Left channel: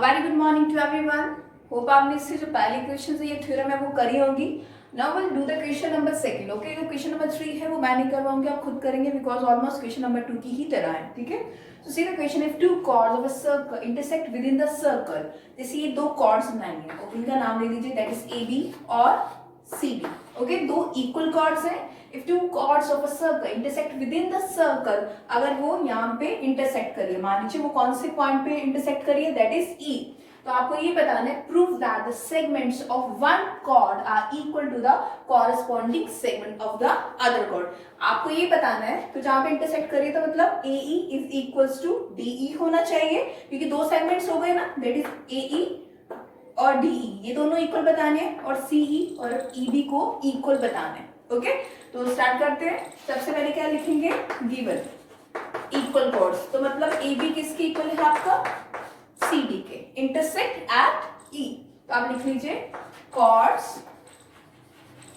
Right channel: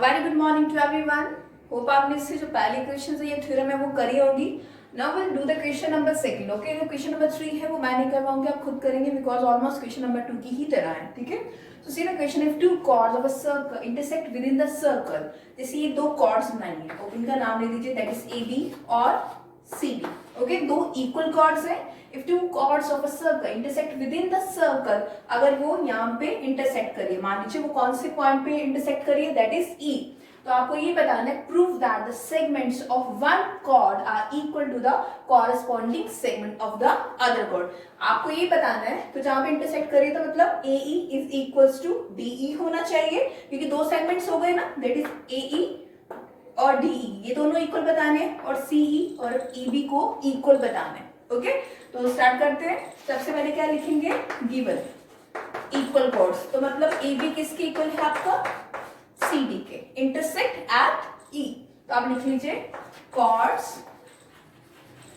Very good morning to everyone. Hope आपने इससे जो पहली क्वेश्चन है ये थ्योरम है वो करी होगी। Now will do the question number second. Okay, जो क्वेश्चन नंबर 3 है वो मैं नहीं करवाऊंगी, आप खुद करेंगे बिकॉज ऑलमोस्ट क्वेश्चन नंबर 2 की ही तरह है। ठीक है, so see the question, if two chords of a circle intersect within the circle, जैसे ये दो कॉर्ड्स बनाएंगे, ओके, इनका नाम ले लीजिए, दैट इज ए बी और सी डी। ओके, दो इक्वल कॉर्ड्स है। If two chords of a circle intersect within the circle, अगर वो यहाँ पे इंटरसेक्ट करिए, मान लीजिए वो कौन से पॉइंट पे इंटरसेक्ट करिए, दैट इज ई। तो आपको ये बताना है, prove that the segments of one chord are equal to the corresponding segment of the other chord. आपको ये बताना है, तो जहां पे इंटरसेक्ट करिए तो मतलब A E is equals to D E होना चाहिए, क्योंकि दो सेगमेंट्स हो गए ना, दैट इज ए ई और डी ई, ये दोनों इक्वल बताने हैं, और सी ई और ई बी को इक्वल बताना है। ओके, तो स्टार्ट करते हैं। सबसे पहले क्या लिखेंगे, गिवन इक्वल कॉर्ड्स, तो मतलब ए बी किसके इक्वल है आपका, सी डी के, इंटरसेक्ट एट ई। तो आप लिख लीजिए chords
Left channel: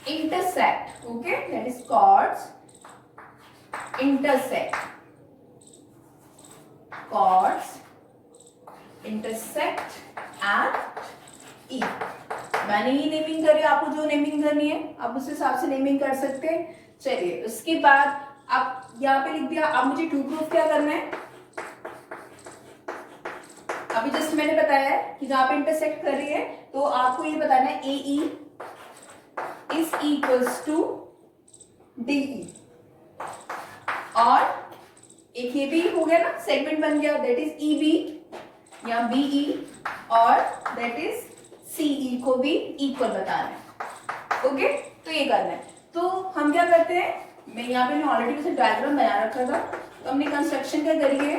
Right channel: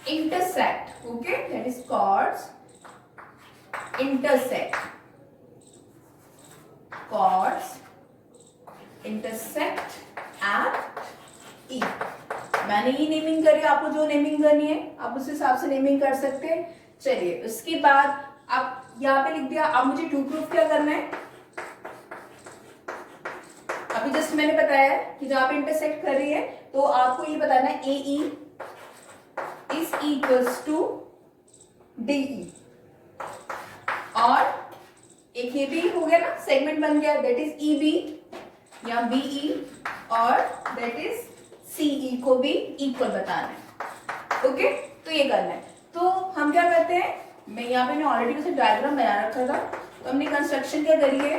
intersect, okay, that is chords intersect, chords intersect at E. मैंने ये नेमिंग करी, आपको जो नेमिंग करनी है आप उस हिसाब से नेमिंग कर सकते हैं। चलिए, उसके बाद आप यहाँ पे लिख दिया। अब मुझे टू प्रूफ क्या करना है, अभी जस्ट मैंने बताया है कि जहां पे इंटरसेक्ट कर रही है, तो आपको ये बताना है A E is equals to D E, और एक ये भी हो गया ना, सेगमेंट बन गया, दैट इज ई बी या बी ई, और दैट इज सी ई को भी इक्वल बताना है। ओके, तो ये करना है। तो हम क्या करते हैं, मैं यहाँ पे ऑलरेडी वैसे डायग्राम बना रखा था, तो हमने कंस्ट्रक्शन क्या करी है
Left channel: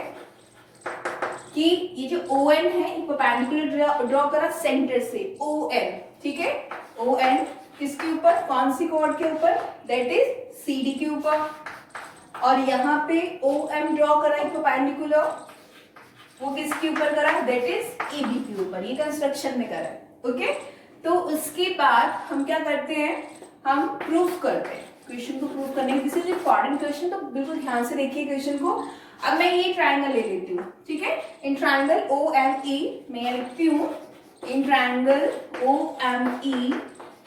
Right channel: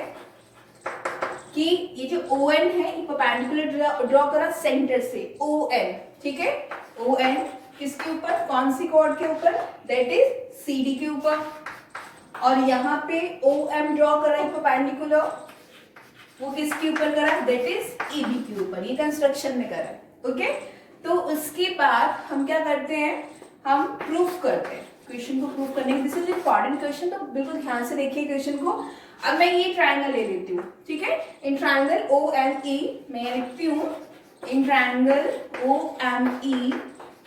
कि ये जो ओ एन है, परपेंडिकुलर ड्रॉ करा सेंटर से, ओ एन, ठीक है, ओ एन किसके ऊपर, कौन सी कॉर्ड के ऊपर, दैट इज सी डी के ऊपर, और यहाँ पे ओ एम ड्रॉ करा है परपेंडिकुलर, वो किसके ऊपर करा, दैट इज ए बी के ऊपर, ये कंस्ट्रक्शन में करा है। ओके, तो उसके बाद हम क्या करते हैं, हम प्रूफ करते हैं, क्वेश्चन को प्रूफ करने के, दिस इज इंपॉर्टेंट क्वेश्चन, तो बिल्कुल ध्यान से देखिए क्वेश्चन को। अब मैं ये ट्रायंगल ले लेती हूँ, ठीक है, इन ट्रायंगल ओ एम ई, मैं यहाँ लिखती हूँ in triangle O M E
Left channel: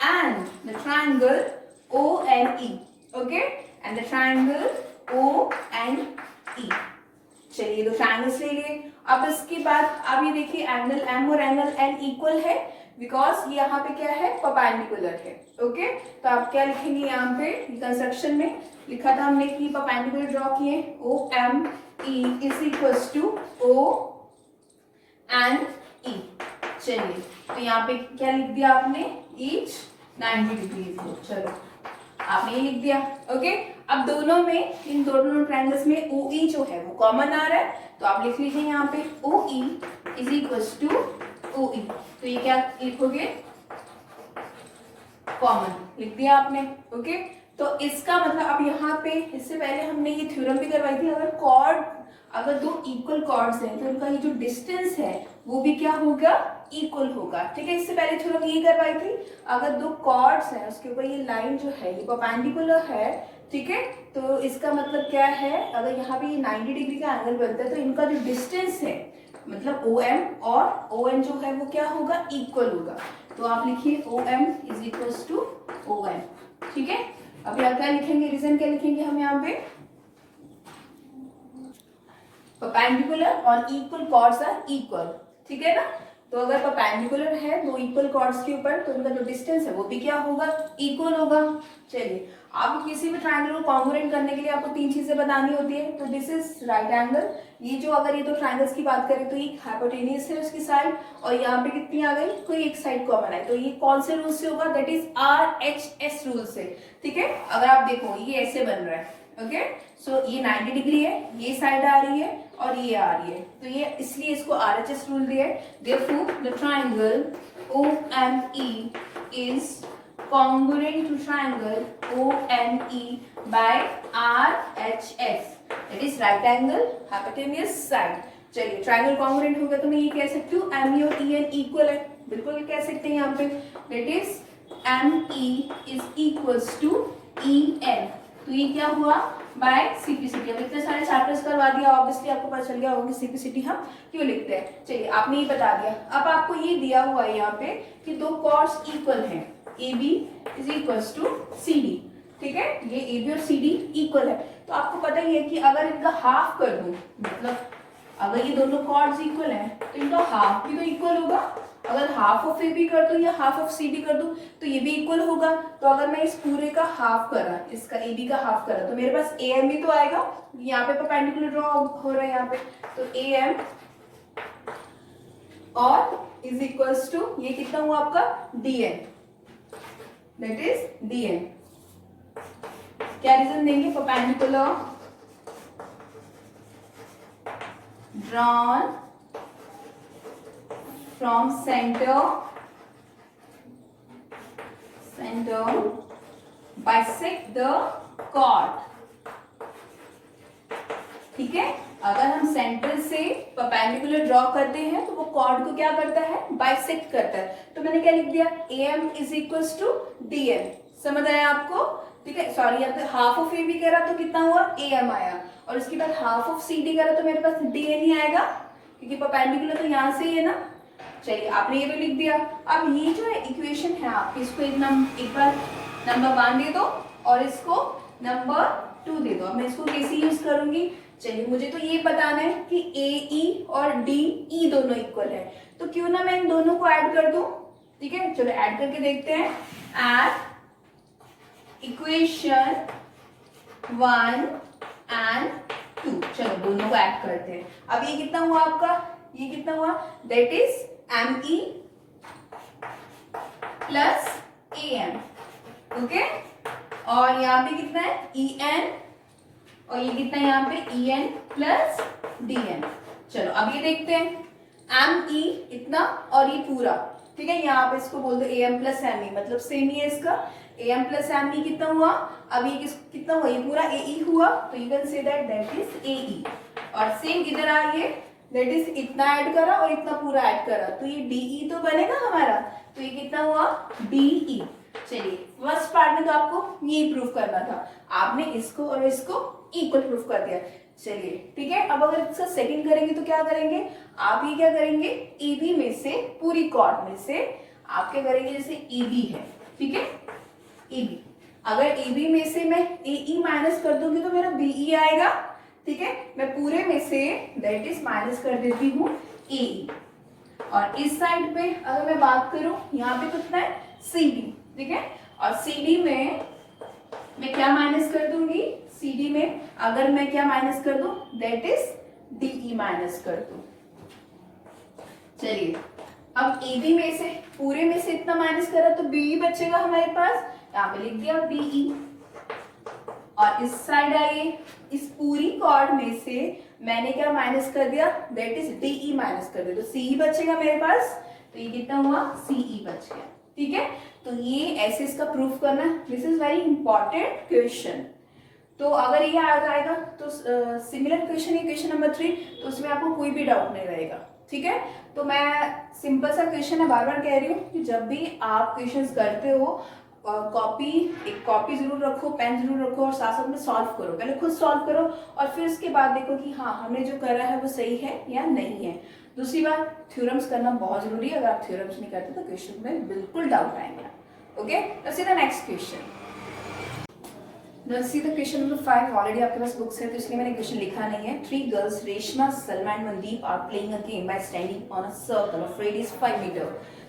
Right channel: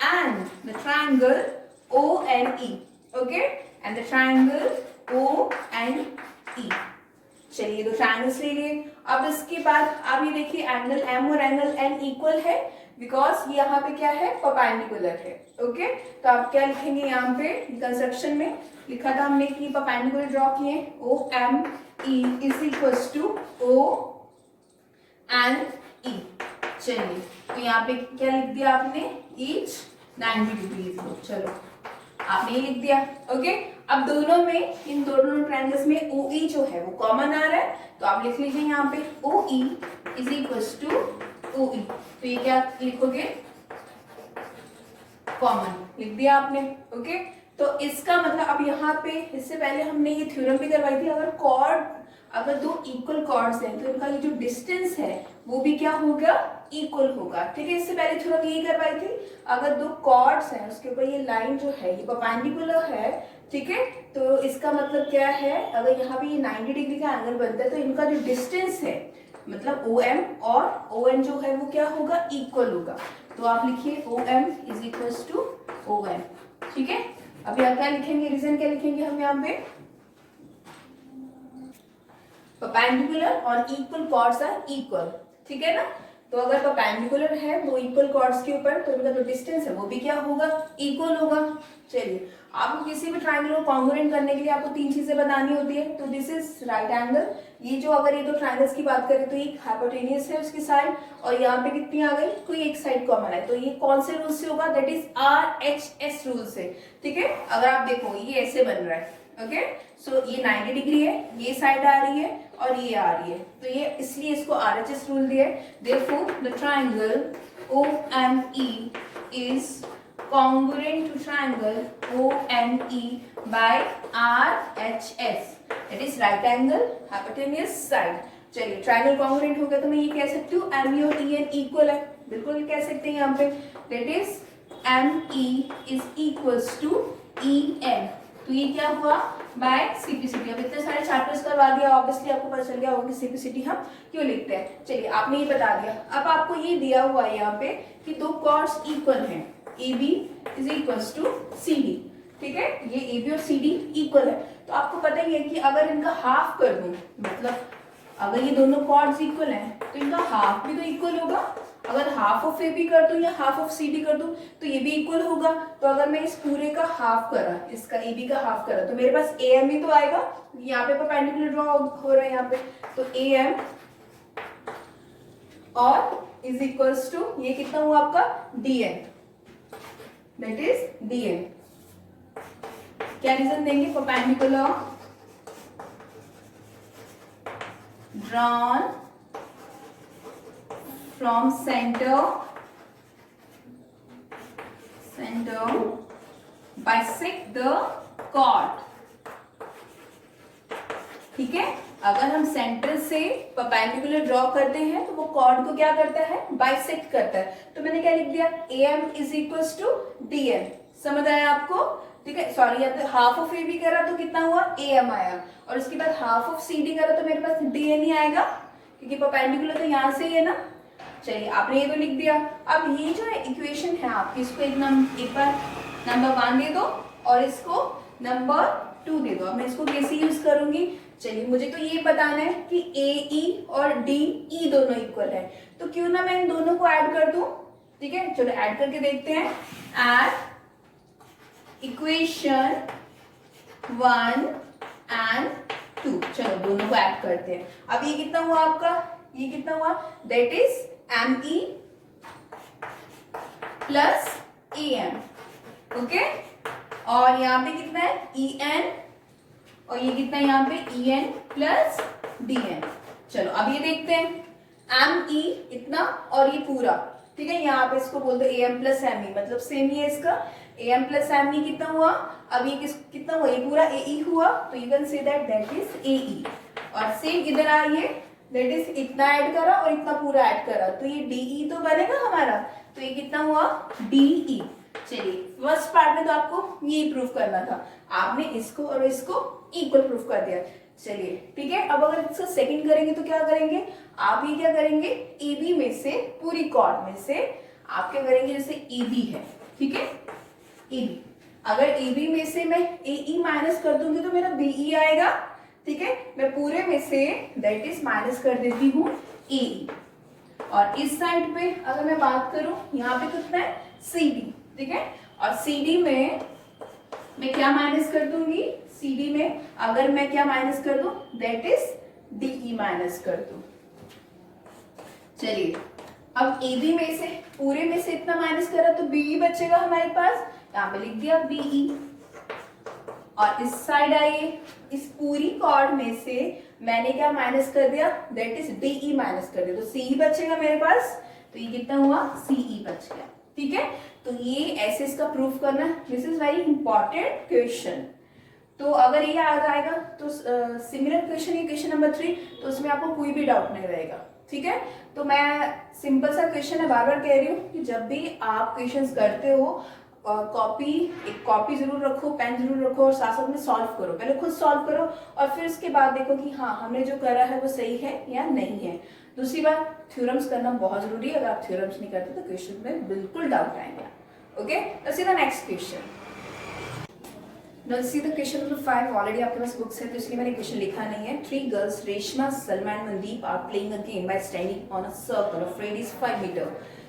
and the triangle O N E, okay, and the triangle O N E. चलिए, दो ट्रायंगल्स ले लिए। अब इसके बाद आप ये देखिए, एंगल एम और एंगल एन इक्वल है, बिकॉज यहाँ पे क्या है, परपेंडिकुलर है। ओके, तो आप क्या लिखेंगे, यहाँ पे कंस्ट्रक्शन में लिखा था हमने कि परपेंडिकुलर ड्रॉ किए, O M E is equals to O N E. चलिए, तो यहाँ पे क्या लिख दिया आपने, ईच 90 डिग्री। चलो, आपने ये लिख दिया। ओके, अब दोनों में, इन दोनों ट्रायंगल्स में ओ ई जो है वो कॉमन आ रहा है, तो आप लिख लीजिए यहाँ पे O E is equals to O E. तो ये क्या लिखोगे, कॉमन लिख दिया आपने। ओके, तो इसका मतलब अब यहाँ पे, इससे पहले हमने ये थ्योरम भी करवाई थी, अगर दो इक्वल कॉर्ड्स हैं तो इनका ये जो डिस्टेंस है वो भी क्या होगा, इक्वल होगा। ठीक है, इससे पहले थ्योरम यही करवाई थी, अगर दो कॉर्ड्स हैं उसके ऊपर ये लाइन जो है ये परपेंडिकुलर है, ठीक है, तो इसका मतलब क्या है, अगर यहाँ पे ये 90 डिग्री का एंगल बनता है तो इनका जो डिस्टेंस है, मतलब ओ एम और ओ एन जो है वो क्या होगा, इक्वल होगा। तो आप लिखिए O M is equals to O N. ठीक है, अभी आप क्या लिखेंगे, रीजन क्या लिखेंगे हम यहाँ पे, परपेंडिकुलर और इक्वल कॉर्ड्स आर इक्वल। ठीक है ना, तो अगर परपेंडिकुलर है दो इक्वल कॉर्ड्स के ऊपर, तो उनका जो डिस्टेंस है वो भी क्या होगा, इक्वल होगा। चलिए, आपको किसी भी ट्रायंगल को कॉन्ग्रुएंट करने के लिए आपको तीन चीजें बतानी होती है। तो दिस इज राइट एंगल, ये जो, अगर ये दो ट्रायंगल्स की बात करें तो ये हाइपोटेन्यूस है उसकी साइड, और यहाँ पे कितनी आ गई, कोई एक साइड कॉमन है, तो ये कौन से रूल से होगा, that is R H S rule से। ठीक है, अगर आप देखो ये ऐसे बन रहा है, ओके, सो ये 90 डिग्री है, ये साइड आ रही है और ये आ रही है, तो ये इसलिए इसको आरएचएस रूल दिया है। Therefore the triangle OME is congruent to triangle ONE by RHS, that is right angle hypotenuse side। चलिए, ट्रायंगल कॉन्ग्रुएंट हो गया तो मैं ये कह सकती हूँ ME और EN इक्वल है, बिल्कुल कह सकते हैं यहाँ पे, that is ME is equals to EN। तो ये क्या हुआ बाय सिंप्लिसिटी। अब इतने सारे चैप्टर्स करवा दिया, ऑब्वियसली आपको पता चल गया होगा कि सिंप्लिसिटी हम क्यों लिखते हैं। चलिए आपने ये बता दिया। अब आपको ये दिया हुआ है यहाँ पे कि दो कॉर्ड्स इक्वल हैं, A B is equals to C D, ठीक है, ये ए बी और सी डी इक्वल है। तो आपको पता ही है कि अगर इनका हाफ कर दूं, मतलब अगर ये दोनों कॉर्ड्स इक्वल हैं तो इनका हाफ भी तो इक्वल होगा। अगर हाफ ऑफ ए बी कर दूं या हाफ ऑफ सी डी कर दूं तो ये भी इक्वल होगा। तो अगर मैं इस पूरे का हाफ करा, इसका ए बी का हाफ करा, तो मेरे पास ए एम ही तो आएगा। यहाँ पे परपेंडिकुलर ड्रॉ हो रहा है यहाँ पे, तो ए एम और इज इक्वल्स टू ये कितना हुआ आपका D N, that is D N. क्या रीजन देंगे, perpendicular drawn from center bisect the chord, ठीक है। अगर हम सेंटर से परपेंडिकुलर ड्रॉ करते हैं तो वो कॉर्ड को क्या करता है, बाइसेक्ट करता है। तो मैंने क्या लिख दिया, A M is equals to D M. समझ आया आपको, ठीक है। सॉरी, या तो हाफ ऑफ ए बी करा तो कितना हुआ, ए एम आया, और उसके बाद हाफ ऑफ सी डी करा तो मेरे पास डी एन ही आएगा, क्योंकि परपेंडिकुलर तो यहाँ से ही है ना। चलिए आपने ये तो लिख दिया। अब ये जो है इक्वेशन है आपकी, इसको एक बार नंबर 1 दे दो और इसको नंबर 2 दे दो। अब मैं इसको कैसे यूज करूंगी, चलिए मुझे तो ये बताना है कि ए ई और डी ई दोनों इक्वल है, तो क्यों ना मैं इन दोनों को ऐड कर दूं, ठीक है। चलो ऐड करके देखते हैं। ऐड इक्वेशन 1 एंड 2, चलो दोनों को ऐड करते हैं। अब ये कितना हुआ आपका, ये कितना हुआ, that is M E plus A M, okay. और यहाँ पे कितना है, ई एन, और ये कितना है यहाँ पे, E N plus D N. चलो अब ये देखते हैं, एम ई इतना और ये पूरा, ठीक है। यहाँ पे इसको बोल दो A M plus M E, मतलब सेम ही है इसका, A M plus M E कितना हुआ, अब ये कितना हुआ, ये पूरा ए ई हुआ, तो you can say that is A E. और सेम इधर आइए, दैट इज इतना ऐड करा और इतना पूरा ऐड करा, तो ये डी ई तो बनेगा हमारा, तो ये कितना हुआ, डी ई। चलिए फर्स्ट पार्ट में तो आपको ये प्रूफ करना था, आपने इसको और इसको इक्वल प्रूफ कर दिया। चलिए ठीक है। अब अगर इसका सेकंड करेंगे तो क्या करेंगे, आप ये क्या करेंगे, ए बी में से, पूरी कॉर्ड में से आप क्या करेंगे, जैसे ए बी है, ठीक है, ए बी, अगर ए बी में से मैं ए ई माइनस कर दूंगी तो मेरा बी ई आएगा, ठीक है। मैं पूरे में से दैट इज माइनस कर देती हूँ ए ई। और इस साइड पे अगर मैं बात करूं, यहाँ पे कितना है, सी डी, ठीक है। और सी डी में मैं क्या माइनस कर दूंगी, सी डी में अगर मैं क्या माइनस कर दूं, that is D E minus कर दूं। चलिए अब ए बी में से, पूरे में से इतना माइनस करा तो बी ई बचेगा हमारे पास, यहाँ पे लिख दिया बी ई। और इस साइड आइए, इस पूरी कॉर्ड में से मैंने क्या माइनस कर दिया, that is D E minus कर दिया, तो सी ई बचेगा मेरे पास, तो ये कितना हुआ, सी ई बच गया, ठीक है। तो ये ऐसे इसका प्रूफ करना, this is very important question. तो अगर ये आ जाएगा तो सिमिलर क्वेश्चन है क्वेश्चन नंबर 3, तो उसमें आपको कोई भी डाउट नहीं रहेगा, ठीक है। तो मैं सिंपल सा क्वेश्चन है, बार बार कह रही हूँ कि जब भी आप क्वेश्चंस करते हो, एक कॉपी जरूर रखो, पेन जरूर रखो, और साथ साथ में सॉल्व करो। पहले खुद सॉल्व करो और फिर उसके बाद देखो कि हाँ हमने जो करा है वो सही है या नहीं है। दूसरी बात, थ्योरम्स करना बहुत जरूरी है, अगर आप थ्योरम्स नहीं करते तो क्वेश्चन में बिल्कुल डाउट आएगा। Okay, let's see the next question. Let's see the question number 5। Already आपके पास बुक्स है तो इसलिए मैंने क्वेश्चन लिखा नहीं है। 3 girls Reshma, Salma and Mandeep are playing a game by standing on a circle of radius 5 metre.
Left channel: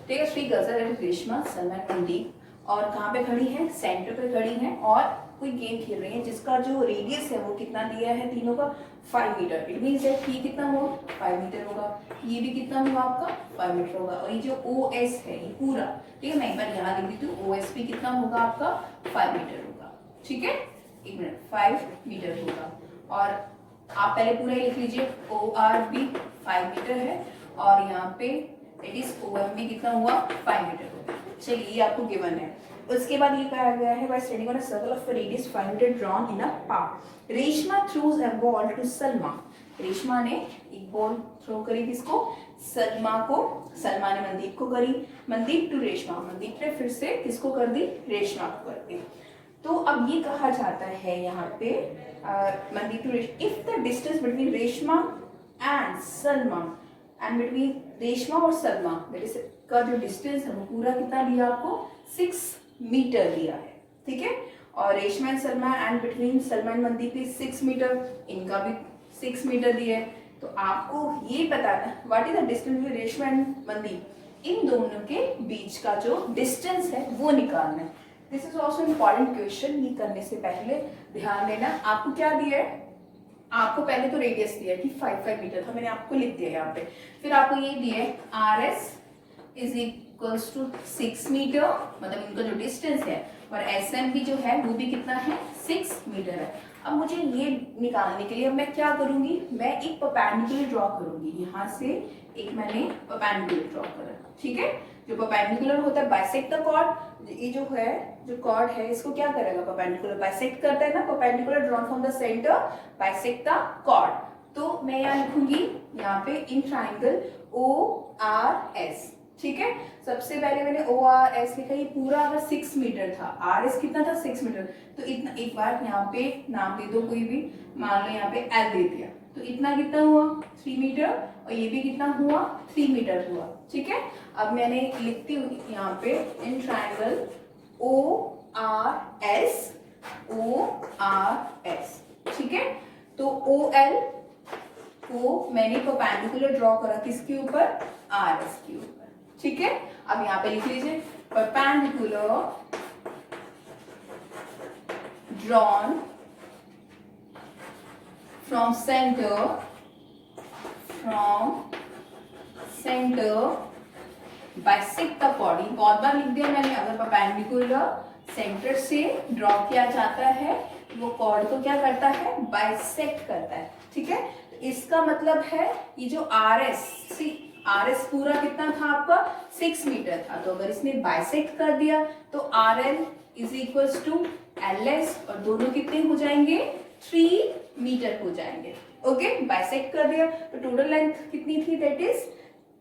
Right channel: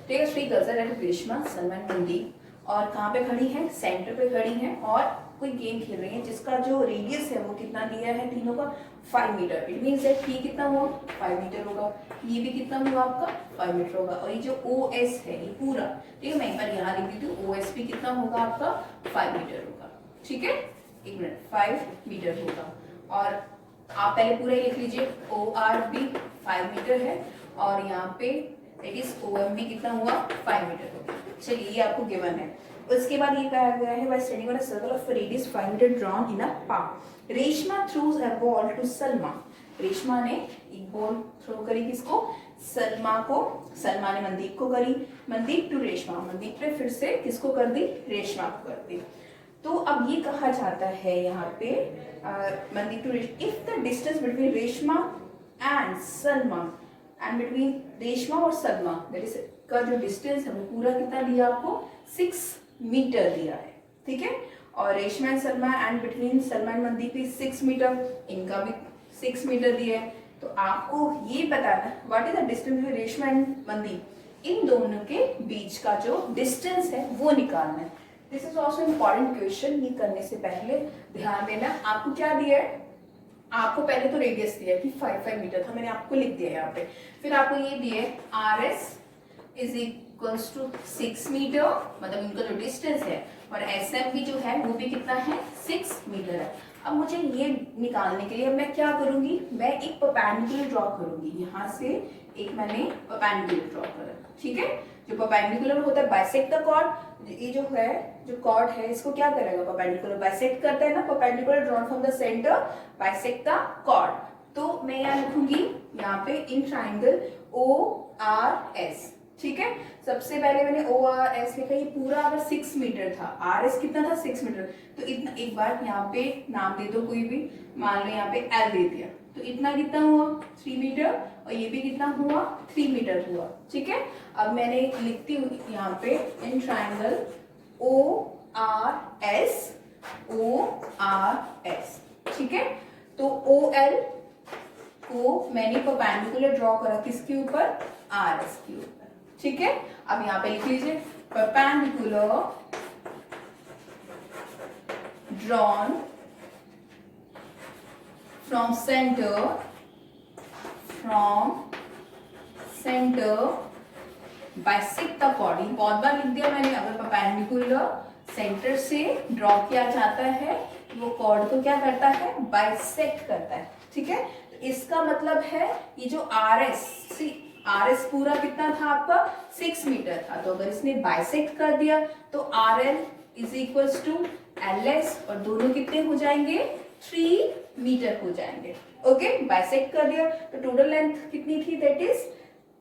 ठीक है, 3 गर्ल्स है, रेशमा, सलमा एंड मनदीप, और कहाँ पे खड़ी है, सेंटर पे खड़ी है, और कोई गेम खेल रही है जिसका जो रेडियस है वो कितना दिया है तीनों का, 5 मीटर। इट मीन्स दैट ये कितना हुआ, 5 मीटर होगा, ये भी कितना हुआ आपका, 5 मीटर होगा, और ये जो ओ एस है ये पूरा, ठीक है, मैं एक बार यहाँ लिख देती हूँ, ओ एस भी कितना होगा आपका, 5 मीटर होगा, ठीक है। एक मिनट, 5 मीटर होगा, और आप पहले पूरा ही लिख लीजिए, ओ आर भी 5 मीटर है, और यहाँ पे इट इज ओ एम भी कितना हुआ, 5 मीटर होगा। चलिए ये आपको गिवन है। उसके बाद ये कहा गया है, by standing on a circle of radius 5 metre drawn in a park, Reshma throws a ball to Salma. Reshma ने एक बॉल थ्रो करी किसको, सलमा को, सलमा ने मनदीप को करी, मनदीप टू रेशमा, मनदीप ने फिर से किसको कर दी, रेशमा को कर दी। तो अब ये कहा जाता है यहाँ पे Mandeep to if the distance between Reshma and Salma and between Reshma और सलमा दैट इज का जो डिस्टेंस है वो पूरा कितना दिया आपको 6 मीटर दिया है, ठीक है। और Reshma and Salma and between Salma and Mandeep is 6 metre, इनका भी 6 मीटर दिया है। तो आपको ये बताना what is the distance between Reshma and Mandeep, इन दोनों के बीच का जो डिस्टेंस है वो निकालना है। This is also important question, ये करने से पहले ध्यान देना। आपको क्या दिया है, आपको पहले तो रेडियस दिया है कि 5 मीटर था, मैंने आपको लिख दिया यहाँ पे। फिर आपको ये दिया है R S is equals to 6 metre, मतलब इनका जो डिस्टेंस है, और एस एम भी जो है वो भी कितना है 6 मीटर है। अब मुझे ये निकालने के लिए मैं क्या करूंगी, मैं एक परपेंडिकुलर ड्रॉ करूंगी। यहाँ से एक मैंने परपेंडिकुलर ड्रॉ करा, ठीक है। जो परपेंडिकुलर होता है बाइसेक्ट द कॉर्ड, ये जो है जो कॉर्ड है इसको क्या करेगा, परपेंडिकुलर बाइसेक्ट करता है ना, perpendicular drawn from the centre bisect the chord. तो मैं यहाँ लिखूंगी यहाँ पे in triangle O R S, ठीक है। सबसे पहले मैंने ओ आर एस लिखा, ये पूरा अगर 6 मीटर था, आर एस कितना था 6 मीटर, तो इतना एक बार यहाँ पे नाम दे दो कोई भी, मान लो यहाँ पे एल दे दिया, तो इतना कितना हुआ 3 मीटर, और ये भी कितना हुआ 3 मीटर हुआ, ठीक है। अब मैंने लिखती हूँ यहाँ पे in triangle O R S, O R S, ठीक है। तो ओ एल को मैंने परपेंडिकुलर ड्रॉ करा किसके ऊपर, आर एस के ऊपर, ठीक है। अब यहाँ पे लिख लीजिए perpendicular drawn from centre bisect the chord, बहुत बार लिख दिया मैंने। अगर परपेंडिकुलर सेंटर से ड्रॉ किया जाता है वो कॉर्ड को क्या करता है, बाइसेक्ट करता है, ठीक है। तो इसका मतलब है ये जो आर एस पूरा कितना था आपका 6 मीटर था, तो अगर इसने बाइसेक्ट कर दिया तो R L is equals to L S, और दोनों कितने हो जाएंगे 3 मीटर हो जाएंगे, ओके। बाइसेक्ट कर दिया तो टोटल लेंथ कितनी थी, दैट इज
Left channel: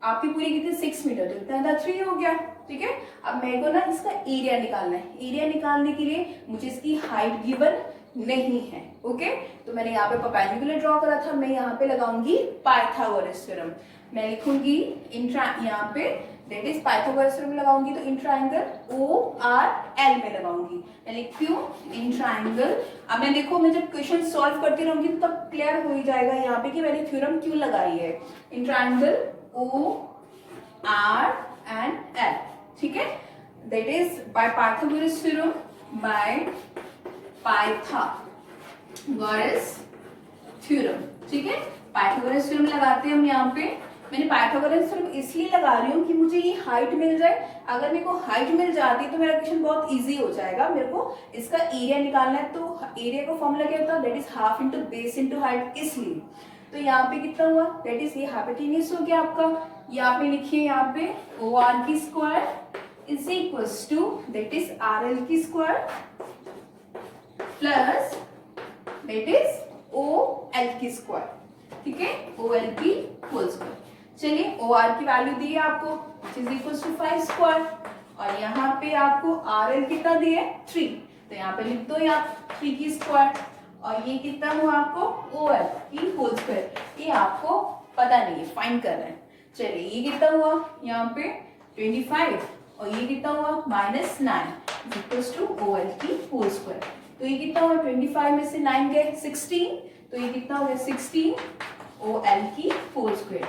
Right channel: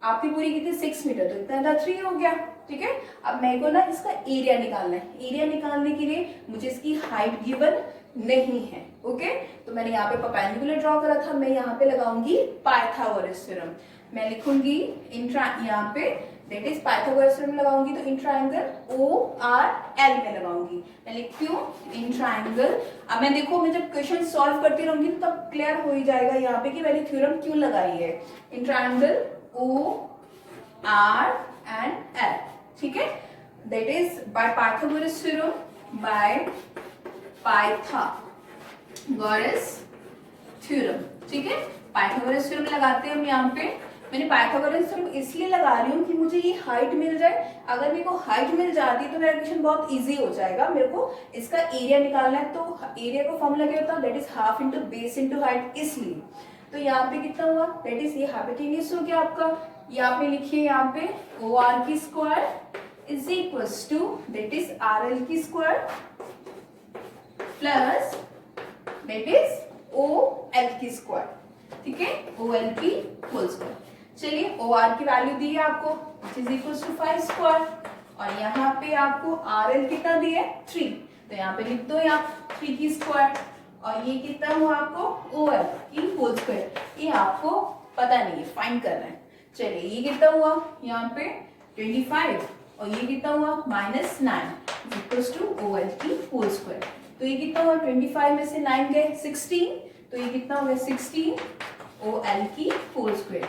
आपकी पूरी कितनी 6 मीटर, तो इतना था 3 हो गया, ठीक है। अब मेरे को ना इसका एरिया निकालना है, एरिया निकालने के लिए मुझे इसकी हाइट गिवन नहीं है, ओके। तो मैंने यहाँ पे परपेंडिकुलर ड्रॉ करा था, मैं यहाँ पे लगाऊंगी पाइथागोरस थ्योरम, मैं लिखूंगी यहाँ पे दैट इज पाइथागोरस थ्योरम लगाऊंगी, तो in triangle O R L में लगाऊंगी। मैं लिखती हूँ इन ट्राइंगल, अब मैं देखो मैं जब क्वेश्चन सॉल्व करती रहूंगी तब क्लियर हो ही जाएगा यहाँ पे कि मैंने थ्योरम क्यों लगाई है। In triangle O R and L, ठीक है, that is by Pythagoras theorem, by Pythagoras theorem, ठीक है। पाइथागोरस थ्योरम लगाते हैं हम यहाँ पे। मैंने पाइथागोरस थ्योरम इसलिए लगा रही हूँ कि मुझे ये हाइट मिल जाए, अगर मेरे को हाइट मिल जाती है तो मेरा क्वेश्चन बहुत इजी हो जाएगा। मेरे को इसका एरिया निकालना है, तो एरिया का फॉर्मूला क्या होता है, that is half into base into height, इसलिए तो यहाँ पे कितना हुआ, दैट इज ये हाइपोटेन्यूज हो गया आपका। ये आपने लिखिए यहाँ पे ओ आर की square is equals to that is R L की square plus that is O L की स्क्वायर, ठीक है, ओ एल की होल स्क्वायर। चलिए ओ आर की वैल्यू दी है आपको which is equals to 5 square, और यहाँ पे आपको आर एल कितना दिया है 3, तो यहाँ पे लिख दो यहाँ 3 की स्क्वायर, और ये कितना हुआ आपको ओ एल की होल स्क्वायर, ये आपको पता नहीं है, फाइंड करना है। चलिए ये कितना हुआ यहाँ पे 25, और ये कितना हुआ -9 इक्वल्स टू ओ एल की होल स्क्वायर, तो ये कितना हुआ 25 में से 9 गए 16, तो ये कितना हो गया 16 ओ एल की होल स्क्वायर,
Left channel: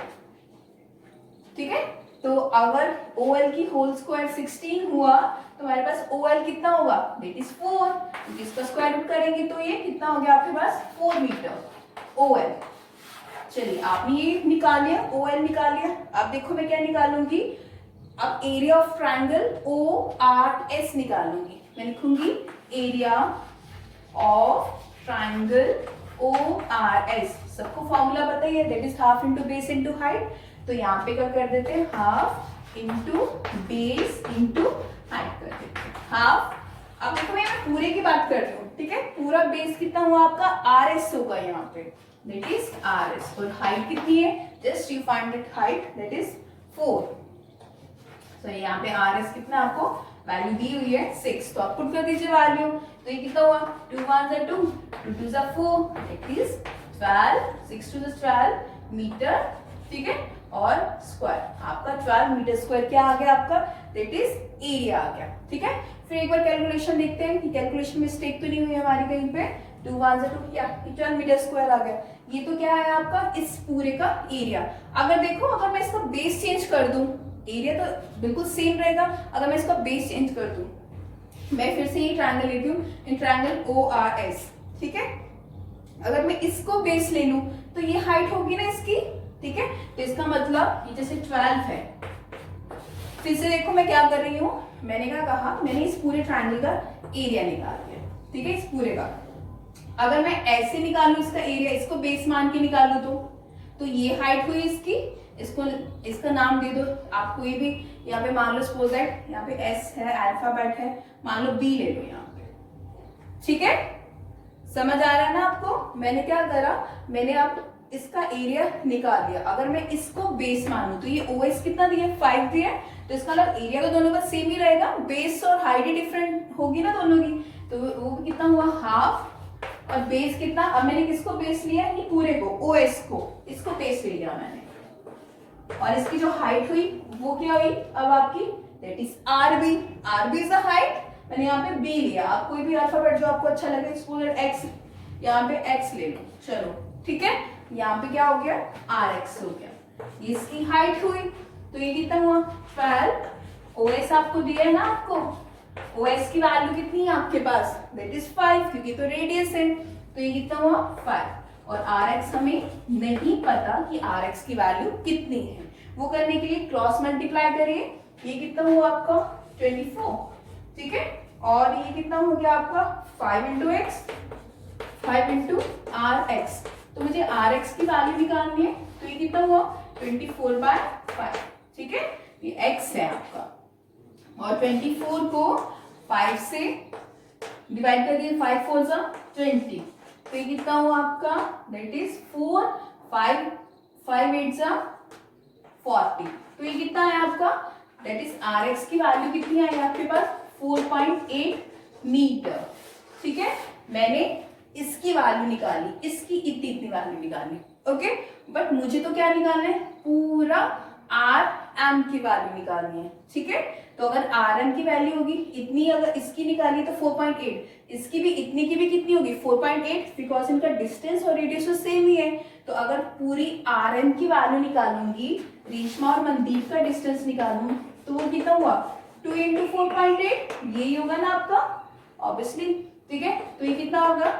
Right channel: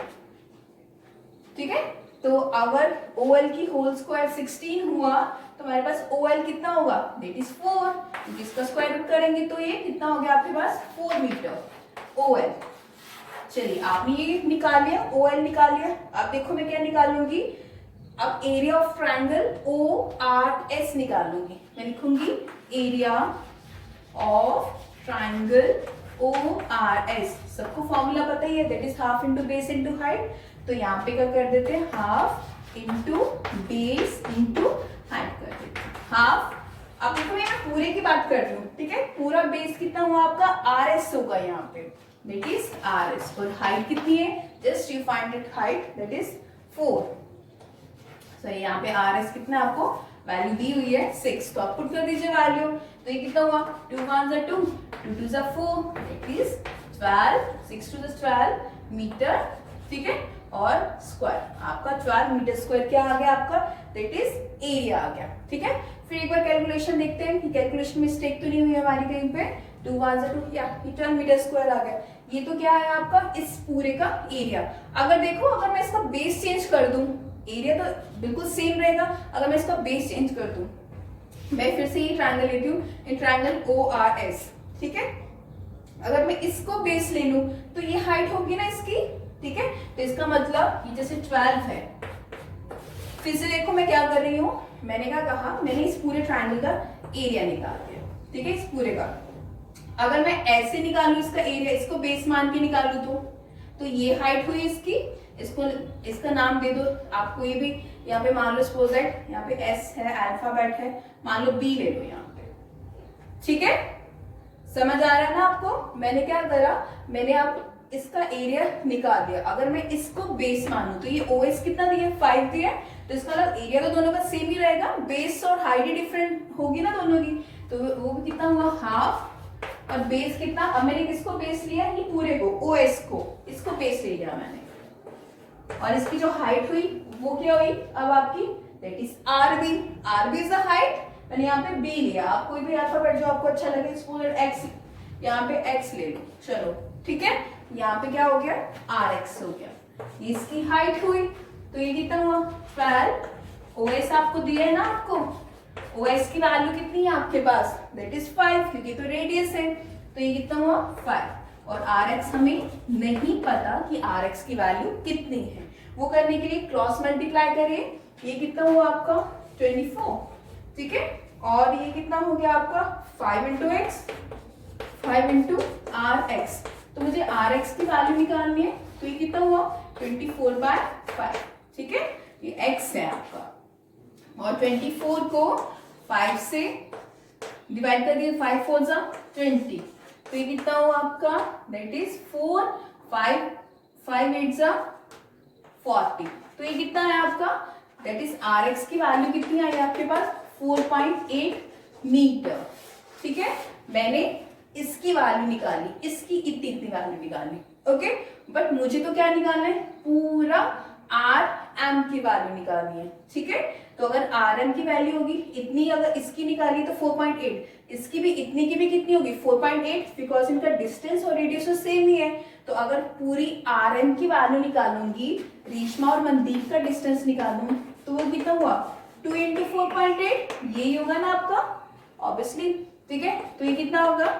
ठीक है। तो अगर ओ एल की होल स्क्वायर 16 हुआ तो हमारे पास ओ एल कितना होगा, दैट इज 4, इसका स्क्वायर रूट करेंगे तो ये कितना हो गया आपके पास 4 मीटर ओ एल। चलिए आपने ये निकाल लिया, ओ एल निकाल लिया। अब देखो मैं क्या निकालूंगी, अब area of triangle O R S निकालूंगी। मैं लिखूंगी area of triangle O R S, सबको फॉर्मूला पता ही है, that is half into base into height, तो यहाँ पे क्या कर देते हैं half into base into height कर देते हैं, हाफ। अब देखो मैं पूरे की बात कर रही हूँ, ठीक है, पूरा बेस कितना हुआ आपका आर एस होगा यहाँ पे, दैट इज आर एस, और हाइट कितनी है, just you find that height, that is 4। तो यहाँ पे आर एस कितना आपको वैल्यू दी हुई है 6, तो आप पुट कर दीजिए वैल्यू। तो ये कितना हुआ, 2 1 2, 2 2 4, इट इज 12, 6 2 12 मीटर, ठीक है, और स्क्वायर। आपका 12 मीटर स्क्वायर क्या आ गया आपका, दैट इज एरिया आ गया, ठीक है। फिर एक बार कैलकुलेशन देखते हैं कि कैलकुलेशन मिस्टेक तो नहीं हुई हमारी कहीं पे। 2 1 2 क्या, 12 मीटर स्क्वायर आ गया। ये तो क्या है आपका इस पूरे का एरिया। अगर देखो, अगर मैं इसका बेस चेंज कर दूं, एरिया तो बिल्कुल सेम रहेगा, अगर मैं इसका बेस चेंज कर दूं, मैं फिर से ये ट्रायंगल लेती हूँ, इन ट्रायंगल ORS, ठीक है। अगर मैं इसको बेस ले लूं तो ये हाइट होगी ना इसकी, ठीक है। तो इसका मतलब ये जैसे 12 है। फिर से देखो मैं क्या कर रही हूँ, मैंने क्या कहा, मैंने इस पूरे ट्रायंगल का एरिया निकाल दिया, ठीक है, इस पूरे का। अगर मैं ऐसे निकालू इसका एरिया, इसको बेस मान के निकालू तो ये हाइट हुई इसकी, इसको इसका नाम दे दो आप कोई भी। यहाँ पे मान लो सपोज दैट यहाँ पे S है, अल्फाबेट है, मान लो B ले लो यहाँ पे, ठीक है। समझ आ रहा है ना आपको। मैंने क्या करा, मैंने अब इसका एरिया निकाल दिया। अगर मैं इसको बेस मानू तो ये OS कितना दिया, 5 दिया, तो इसका मतलब एरिया तो दोनों का सेम ही रहेगा, बेस और हाइट ही डिफरेंट होगी ना दोनों की। तो वो कितना हुआ, हाफ, और बेस कितना, अब मैंने किसको बेस लिया, ये पूरे को, OS को, इसको बेस ले लिया मैंने। और इसकी जो हाइट हुई वो क्या हुई अब आपकी, that is RB। RB is the height, मैंने यहाँ पे B लिया। आप कोई भी अल्फाबेट जो आपको अच्छा लगे, स्कूल X, यहाँ पे X ले लो, चलो ठीक है। यहाँ पे क्या हो गया, RX हो गया। ये इसकी हाइट हुई, तो ये कितना हुआ 12। OS आपको दिया है ना, आपको OS की वैल्यू कितनी है आपके पास, दैट इज 5, क्योंकि तो रेडियस है, तो ये कितना हुआ 5। और RX हमें नहीं पता कि RX की वैल्यू कितनी है, वो करने के लिए क्रॉस मल्टीप्लाई करिए। ये कितना हुआ आपका 24, ठीक है। और ये कितना हो गया आपका 5 इंटू एक्स, 5 इंटू RX। तो मुझे RX की वैल्यू निकालनी है, तो ये कितना हुआ 24/5, ठीक है। ये X है आपका, और 24 को 5 से डिवाइड कर दिया, 5 4 जा 20, तो ये कितना हुआ आपका, दैट इज 4, 5 5 8 जा 40। तो ये कितना है आपका, दैट इज RX की वैल्यू कितनी आई आपके पास, 4.8 मीटर, ठीक है। मैंने इसकी वैल्यू निकाली, इसकी इतनी इतनी वैल्यू निकाली, ओके। बट मुझे तो क्या निकालना है, पूरा RM की वैल्यू निकालनी है, ठीक है। तो अगर RM की वैल्यू होगी इतनी, अगर इसकी निकाली तो 4.8, इसकी भी इतनी की भी कितनी होगी 4.8, बिकॉज इनका डिस्टेंस और रेडियस तो सेम ही है। तो अगर पूरी RM की वैल्यू निकालूंगी, रेशमा और मनदीप का डिस्टेंस निकालूं, तो वो कितना हुआ 2 इंटू 4.8, यही होगा ना आपका ऑब्वियसली, ठीक है। तो ये कितना होगा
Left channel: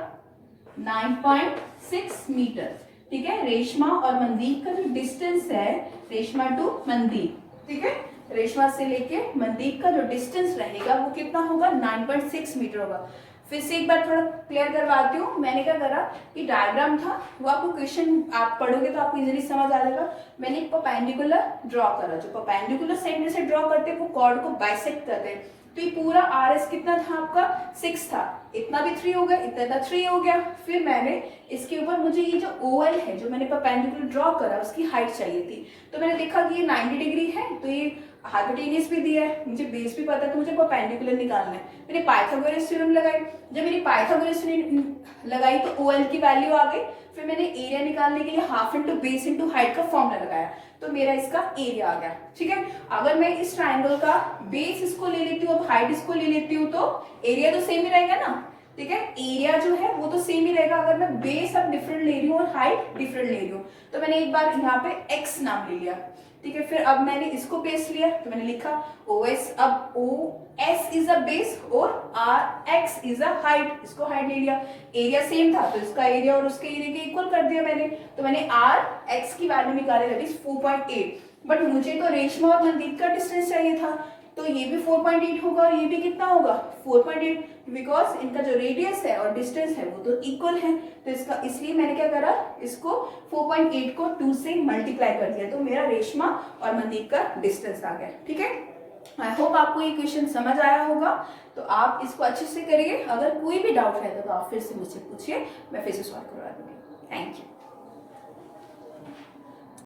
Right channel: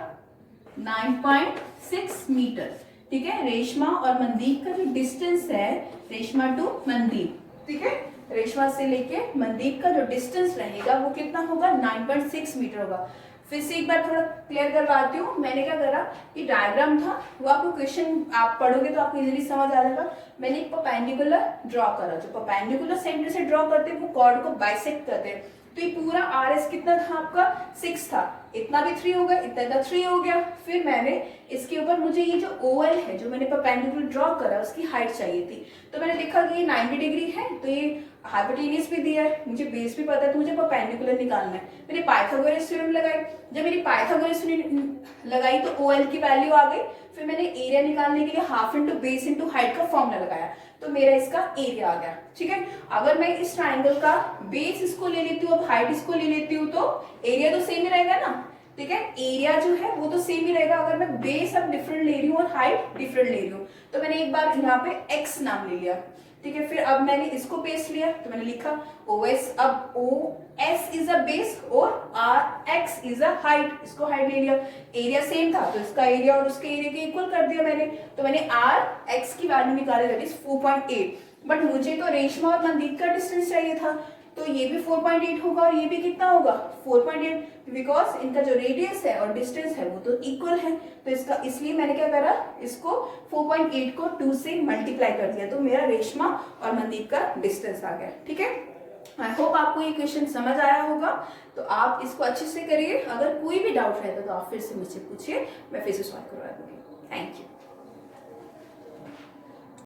9.6 मीटर, ठीक है। रेशमा और मनदीप का जो डिस्टेंस है, रेशमा टू मनदीप, ठीक है, रेशमा से लेके मनदीप का जो डिस्टेंस रहेगा वो कितना होगा 9.6 मीटर होगा। फिर से एक बार थोड़ा क्लियर करवाती हूँ। मैंने क्या करा, ये डायग्राम था, वो आपको क्वेश्चन आप पढ़ोगे तो आपको इजीली समझ आ जाएगा। मैंने एक परपेंडिकुलर ड्रॉ करा, जो परपेंडिकुलर सेंटर से ड्रॉ करते हैं वो कॉर्ड को बाइसेक्ट करते हैं। तो ये पूरा RS कितना था आपका 6 था, इतना भी 3 हो गया, इतना 3 हो गया। फिर मैंने इसके ऊपर, मुझे ये जो OL है जो मैंने परपेंडिकुलर ड्रॉ करा, उसकी हाइट चाहिए थी। तो मैंने देखा कि ये 90 डिग्री है, तो ये हाइपोटेन्यूज भी दिया है, मुझे बेस भी पता है, तो मुझे परपेंडिकुलर निकालना है। मैंने पाइथागोरस थ्योरम लगाई, जब मेरी पाइथागोरस लगाई तो OL की वैल्यू आ गई। फिर मैंने एरिया निकालने के लिए half into base into height का फॉर्मूला लगाया, तो मेरा इसका एरिया आ गया, ठीक है। अगर मैं इस ट्राइंगल का बेस इसको ले लेती हूँ, अब हाइट इसको ले लेती हूँ, तो एरिया तो सेम ही रहेगा ना, ठीक है। एरिया जो है वो तो सेम ही रहेगा। अगर मैं बेस अब डिफरेंट ले रही हूँ और हाइट डिफरेंट ले रही हूँ, तो मैंने एक बार यहाँ पे X नाम ले लिया, ठीक है। फिर अब मैंने इसको बेस लिया, तो मैंने लिखा OS, अब OS इज अ बेस और RX इज अ हाइट, इसको हाइट ले लिया। एरिया सेम था तो इसका एरिया और उसके एरिया के इक्वल कर दिया मैंने, तो मैंने RX की वैल्यू निकाली, दैट इज 4.8। बट मुझे तो रेशमा और मनदीप का डिस्टेंस चाहिए था, तो ये भी 4.8 होगा और ये भी कितना होगा 4.8, बिकॉज इनका जो रेडियस है और डिस्टेंस है वो तो इक्वल है। तो इसका, इसलिए मैंने क्या करा, इसको 4.8 को 2 से मल्टीप्लाई कर दिया, तो मेरा रेशमा और मनदीप का डिस्टेंस आ गया, ठीक है। आई होप आपको ये क्वेश्चन समझ आया होगा, तो आप इसको अच्छे से करिए। अगर कोई भी डाउट रहता तो आप फिर से मुझसे पूछिए, मैं फिर से सॉल्व करवा दूंगी। Thank you.